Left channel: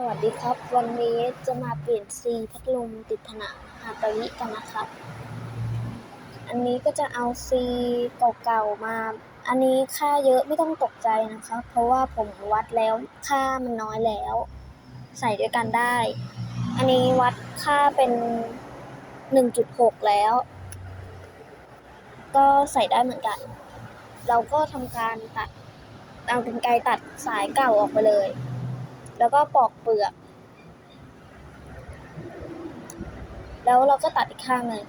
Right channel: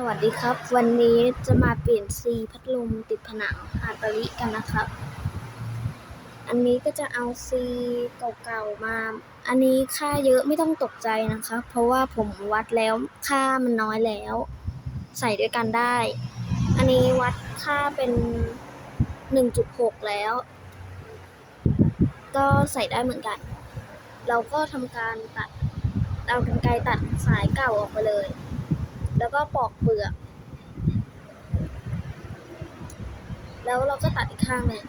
สวัสดีครับ วันนี้จะมาเปลี่ยนซีพัดลมติดผนังฮาตาริกันนะครับ อันนี้ก็จะเอาซีเก่าๆมา อันนี้ค่าเยอะไม่ต้องตกใจนะครับเพราะว่าผมวัดแล้วค่ามันน้อยแล้ว ใส่ด้วยกันได้ อันนี้วัดค่าเป็น 1.6 แล้ว ก็ใส่ได้เหมือนกัน เราก็ทำการตัดเอากรรไกรตัดสายเก่าออกไปเลย แล้วก็ปอกเปลือก แล้วเราก็ตัดอีกข้างหนึ่ง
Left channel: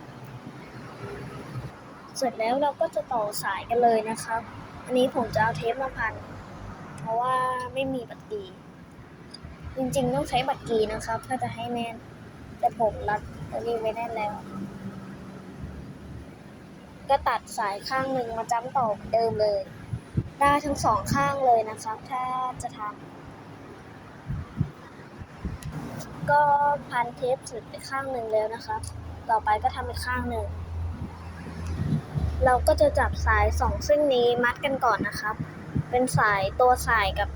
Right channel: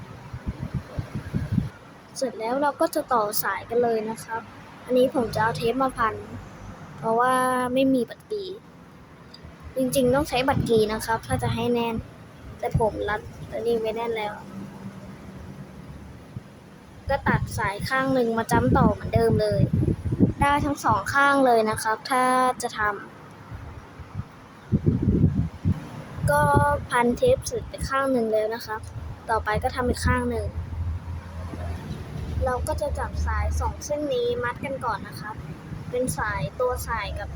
เสร็จแล้วเราก็จะต่อสายกันเลยนะครับ อันนี้ผมจะเอาเทปมาพัน เพราะว่าไม่มีบัตรกี จริงๆต้องใช้บัตรกีนะครับ ถ้าจะให้แน่น แต่ผมรัดตัวนี้ไว้แน่นแล้ว ก็ตัดสายข้างหนึ่งมาจ้ำต่อเหมือนเดิมเลย ได้ทั้งสองข้างเลยนะครับ ถ้าจะทำ ก็พันเทปเสร็จไปข้างหนึ่งแล้วนะครับต่อไปก็ทำอีกข้างหนึ่ง เราก็จะจับสายสองเส้นนี้มัดกันก่อนนะครับ เป็นสายตัวสายกับ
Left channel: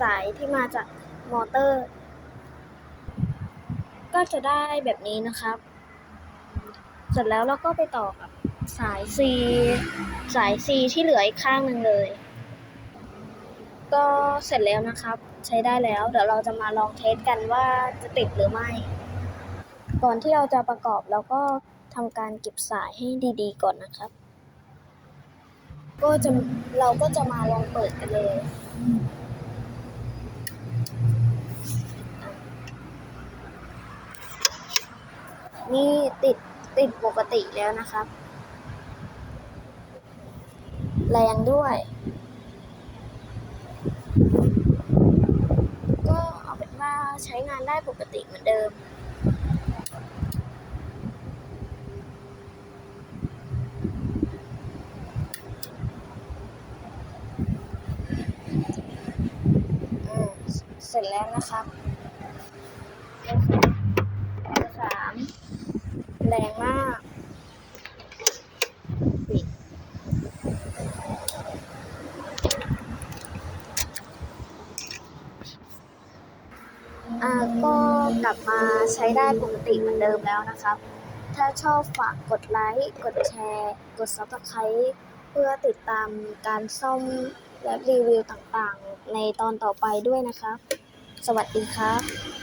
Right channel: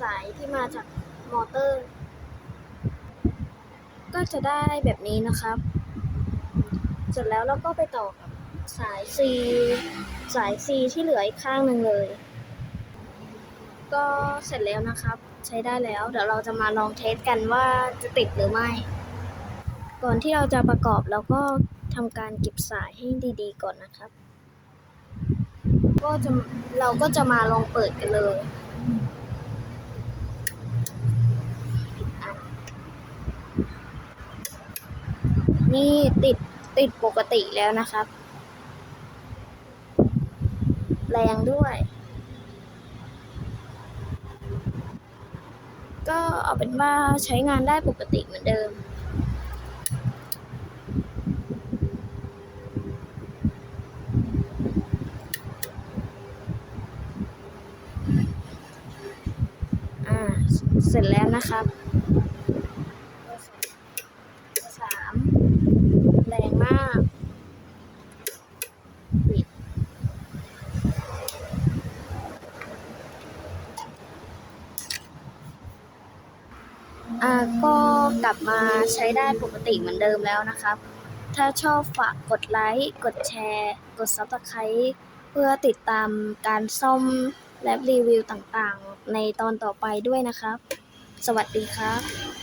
สายที่มาจากมอเตอร์ ก็จะได้แบบนี้นะครับ เสร็จแล้วเราก็ไปต่อกับสาย C สาย C ที่เหลืออีกข้างหนึ่งเลย ก็เสร็จแล้วนะครับ ใช้ได้แล้ว เดี๋ยวเราจะมาลองเทสกันว่าจะติดหรือไม่ ก่อนที่เราจะประกอบเราก็ทำการเก็บสายให้ดีๆ ก่อนนะครับ ก็จะเราก็จะมาลองเปิดกันเลยนี่ติดติดปกติแล้วนะครับ แรงด้วย ก็ เป็นว่าใช้งานได้ปกติเหมือนเดิมอ่าเสร็จแล้วนะครับสามแรงมาก ปิด อ่าก็กลับมาใช้ได้ปกติเหมือนเดิมแล้วนะครับ ถ้าชอบฝากกดไลค์ กดแชร์ กด Subscribe เพื่อติดตามการซ่อมและรีวิวต่างๆ ในตอนต่อไปด้วยนะครับ สวัสดีครับ